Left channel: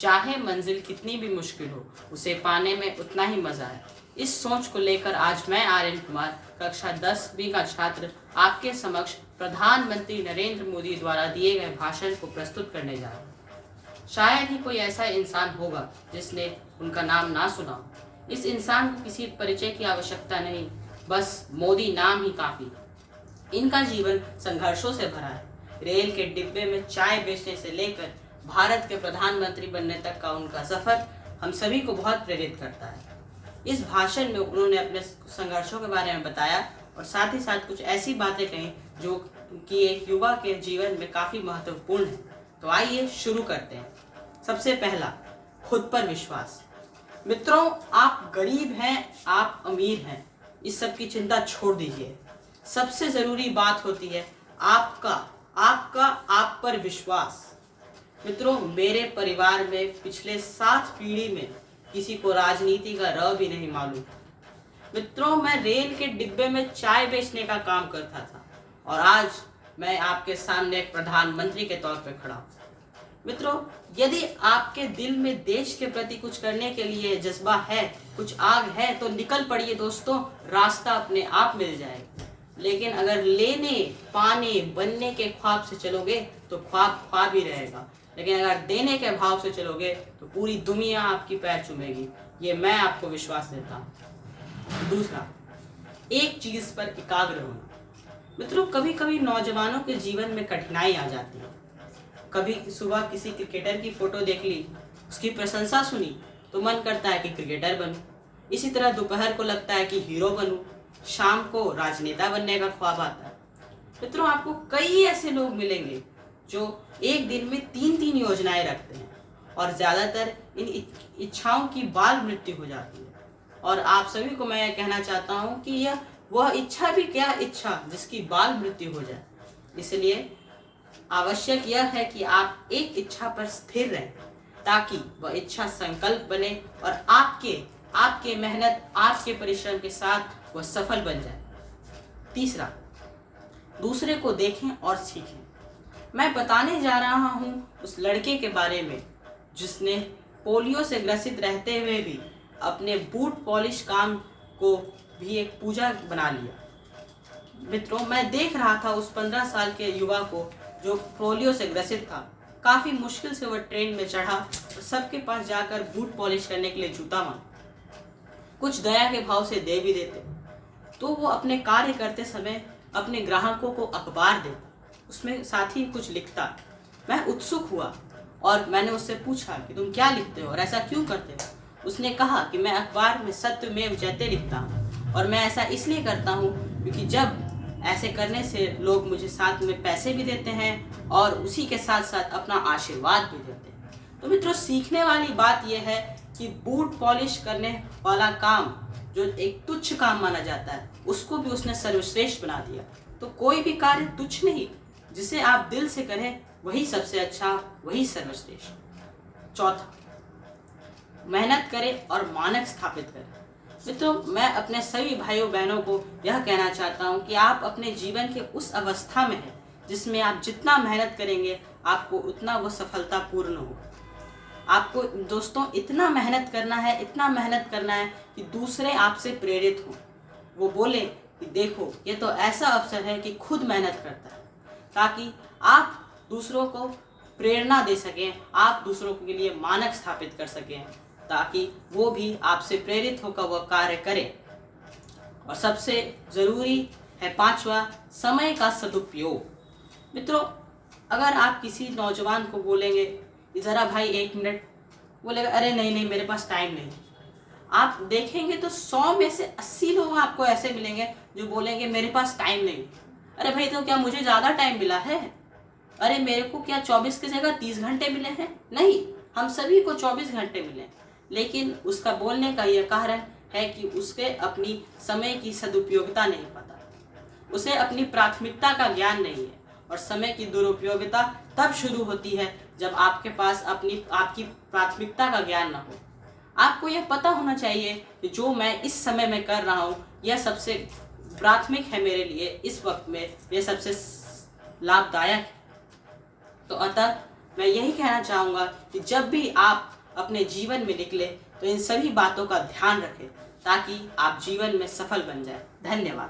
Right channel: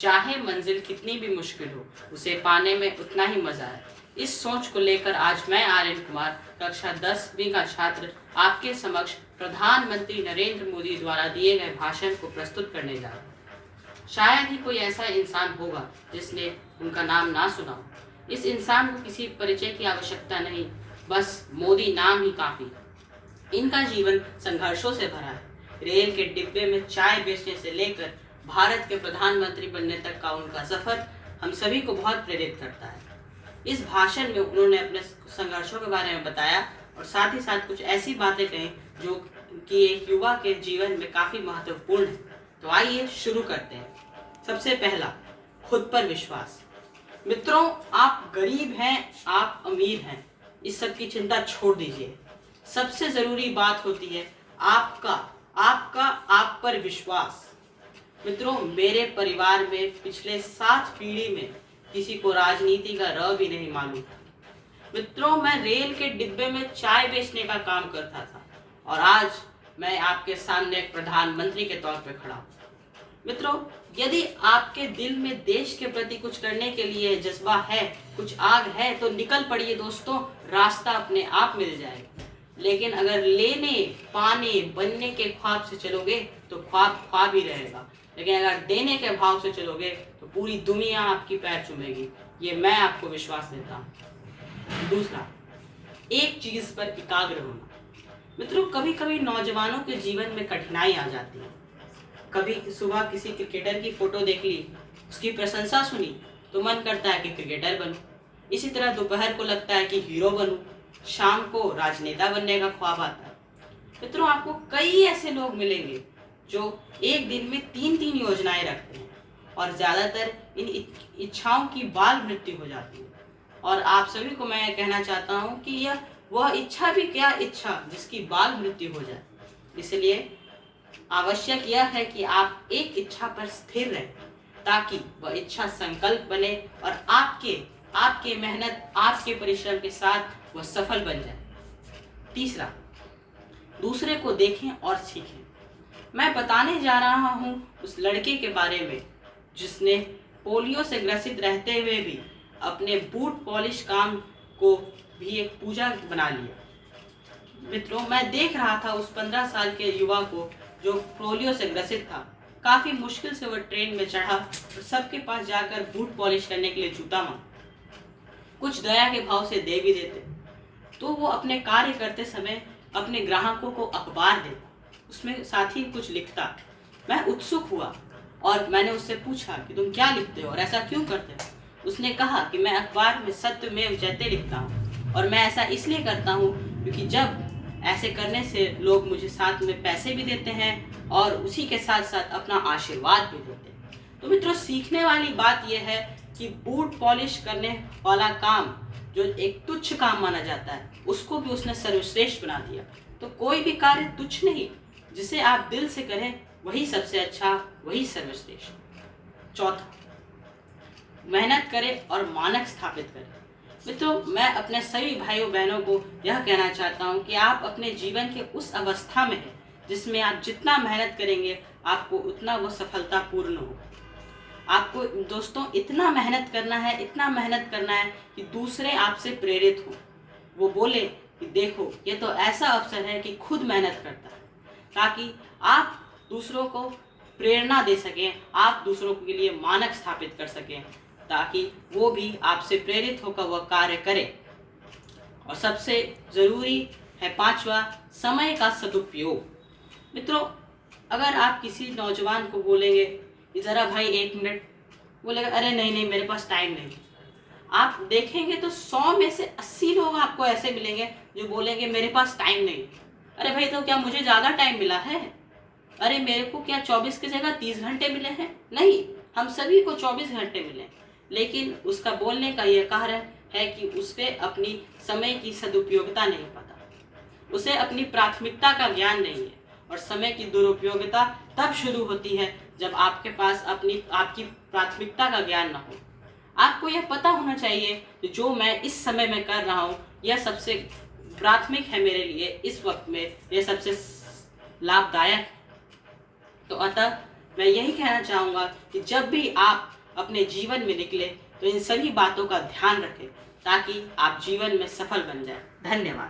चाहे मंजिल कितनी भी मुश्किल हो, उसे पाने में उतना ही मजा है। इस सोच को लेकर आज मैं आर्यन कुमार कक्षा 10वीं का छात्र आपके समक्ष प्रधानमंत्री नरेंद्र मोदी द्वारा दिए गए भाषण को प्रस्तुत करने जा रहा हूँ। शायद ही कोई ऐसा इंसान होगा जिसने उनका नाम ना सुना हो। इस इंसान को किसी परिचय की आवश्यकता नहीं, बस मोदी नाम ही काफी। इनका जीवन संघर्षों से भरा है। रेल के डिब्बे में चाय बेचने से लेकर भारत के प्रधानमंत्री बनने तक का उनका सफर हम सभी को बहुत प्रेरित करता है। इस भाषण में उन्होंने अपने संघर्षों के बारे में बताया और साथ ही साथ कुछ ऐसी बातें कही जो कि एक युवा के जीवन में काफी महत्वपूर्ण है। तो आइए शुरू करते हैं। सबसे पहला, खुद पर विश्वास। मित्रों, आप गरीब हैं, आप अमीर हैं, इस सब की चिंता छोड़ दीजिए। सबसे जरूरी बात होती है आपका आप पर विश्वास। मित्रों, मेरे परिवार में पिछले 7 पीढ़ी में किसी को राजनीति का र भी नहीं मालूम। मित्रों, मैं रेल के डिब्बे में चाय बेचने का काम करता था और आज मैं आपके सामने एक प्रधानमंत्री के तौर पर खड़ा हूँ। मित्रों, यदि आपके दिल में देश के प्रति कुछ करने के लिए जज्बा है, कुछ आग है, तो निकल पड़िए दोस्तों, रास्ता अपने आप मिल जाएगा। लेकिन अगर लेने, पाने, बनने के ख्वाब से चलोगे तो ख्वाब ख्वाब ही रहेगा। लेकिन अगर देने के भाव से चलोगे तो पूरी दुनिया आपकी पैर चूमेगी। ये मैं आपको विश्वास देता हूँ। दूसरा, एक चीज पर एकाग्र होना। मित्रों, कभी कभी नौजवानों के जीवन में कठिनाई आ जाती है। कभी सुबह किसी क्रिकेटर की फोटो देख ली, उसकी प्रशंसा सुनी तो मन करता है कि क्रिकेटर बनूं। इसी तरह दोपहर को लगता है कि हीरो बनूं, शाम को राजनेता बनने का ख्वाब आता है। मित्रों, आपको कई ऐसे लोग मिलेंगे जो एक दिन में 3-3 योजनाएं रखते हैं और ज्यादातर इन इच्छाओं की बाल मृत्यु हो जाती है। और आप सभी को मैं कहना चाहता हूं कि यह वह इच्छा भी क्या इच्छा जिसकी बाल मृत्यु हो जाए। इसलिए आवश्यक यह है कि आप एक इच्छा पर स्थिर रहें ताकि वह इच्छा संकल्प बने और आपके मेहनत, आपके परिश्रम के साथ वह सफल बन जाए। तीसरा, दूसरे को देखें और सीखें। मैं बताने जा रहा हूं उस लड़के के बारे में जिसने पोलियो से ग्रसित रहते हुए भी अपने बूट पॉलिश काम को भी एक पूजा बना लिया। मित्रों, मैं देख रहा था उस 15 साल के युवा को जो पोलियो से ग्रसित था। काफी मुश्किल से वह ट्रेन में चढ़ा और सबके पास जाकर बूट पॉलिश करने के लिए जूता मांगा। कुछ दया के भाव से दे भी देते तो वो अपने कार्य करते समय अपने ग्राहकों को अखबार देता, उसमें साथ ही कुछ लिखता। मैं उत्सुक हुआ और मैंने उससे पूछा कि तुम क्या लिखते हो और ऐसा क्यों करते हो। उसने कहा कि मैं अखबार में सत्यमेव जयते लिखता हूँ और मैं ऐसा इसलिए करता हूँ क्योंकि जब ऐसे करने से लोग मुझे साथ में पैसे भी देते हैं और उसी के साथ साथ अपना आशीर्वाद भी देते हैं। तो मित्रों, सीखने वाली बात यह है कि बूट पॉलिश करने वाला काम जो एक तुच्छ काम माना जाता है उसको भी उसने सर्वश्रेष्ठ बना दिया। तो कोई भी कार्य तुच्छ नहीं, जिसे आप दिल से करें वही सबसे अच्छा, वही सर्वश्रेष्ठ। चौथा, मेहनत करें और मानक स्थापित करें। मित्रों, मैं अपने सभी भाइयों बहनों को यह कहना चाहता हूं कि आप अपने जीवन के उस अवस्था में हैं जिसमें आप जितना मेहनत करेंगे आपको उतना वो सफलता पूर्ण हो। आपको दोस्तों इतना मेहनत करना है कि दूसरे आपसे प्रेरित हो। वो बोले कि देखो, ये तो ऐसा अवसर है कि खुद मेहनत करता है, ताकि आप दूसरों को प्रेरणा दे सकें, आप दूसरों के लिए मानक स्थापित कर सकें, ताकि वो भी आपसे प्रेरित होकर वह कार्य करें। और सबसे जरूरी है पांचवा, समय का सदुपयोग। मित्रों, अगर आप किसी नौजवान को बोलेंगे कि जरा भाई 1 मिनट, बोलेगा अरे नहीं मेरे पास टाइम नहीं। आप देखेंगे तो 100 में से 80 लोग आपको ऐसे मिलेंगे जो बोलेंगे मेरे पास टाइम नहीं। अरे भाई, तो क्या मुझे ज्यादा टाइम मिला है? अरे मेरे को क्या 24 की जगह 30 घंटे मिले हैं? नहीं, हम सभी को 24 घंटे मिले। लेकिन उसका बोलने का यह कारण है कि उसके अपनी समय की सदुपयोगिता नहीं पता, उसे अपनी प्राथमिकता का ज्ञान नहीं है। और समय की दुरुपयोगिता तब शुरू होती है जब आपके पास आपकी प्राथमिकता का ज्ञान न हो। आपको यह पता होना चाहिए कि जो मैं इस समय में कर रहा हूँ यह सबसे प्राथमिक है मेरे लिए, इस वक्त में यह सबसे लाभदायक है। तो अतः मैं यही कहना चाहूँगा कि जब भी आप अपने जीवन में निकले तो इन सभी बातों का ध्यान रखें ताकि आप जीवन में सफल बन जाए। धन्यवाद।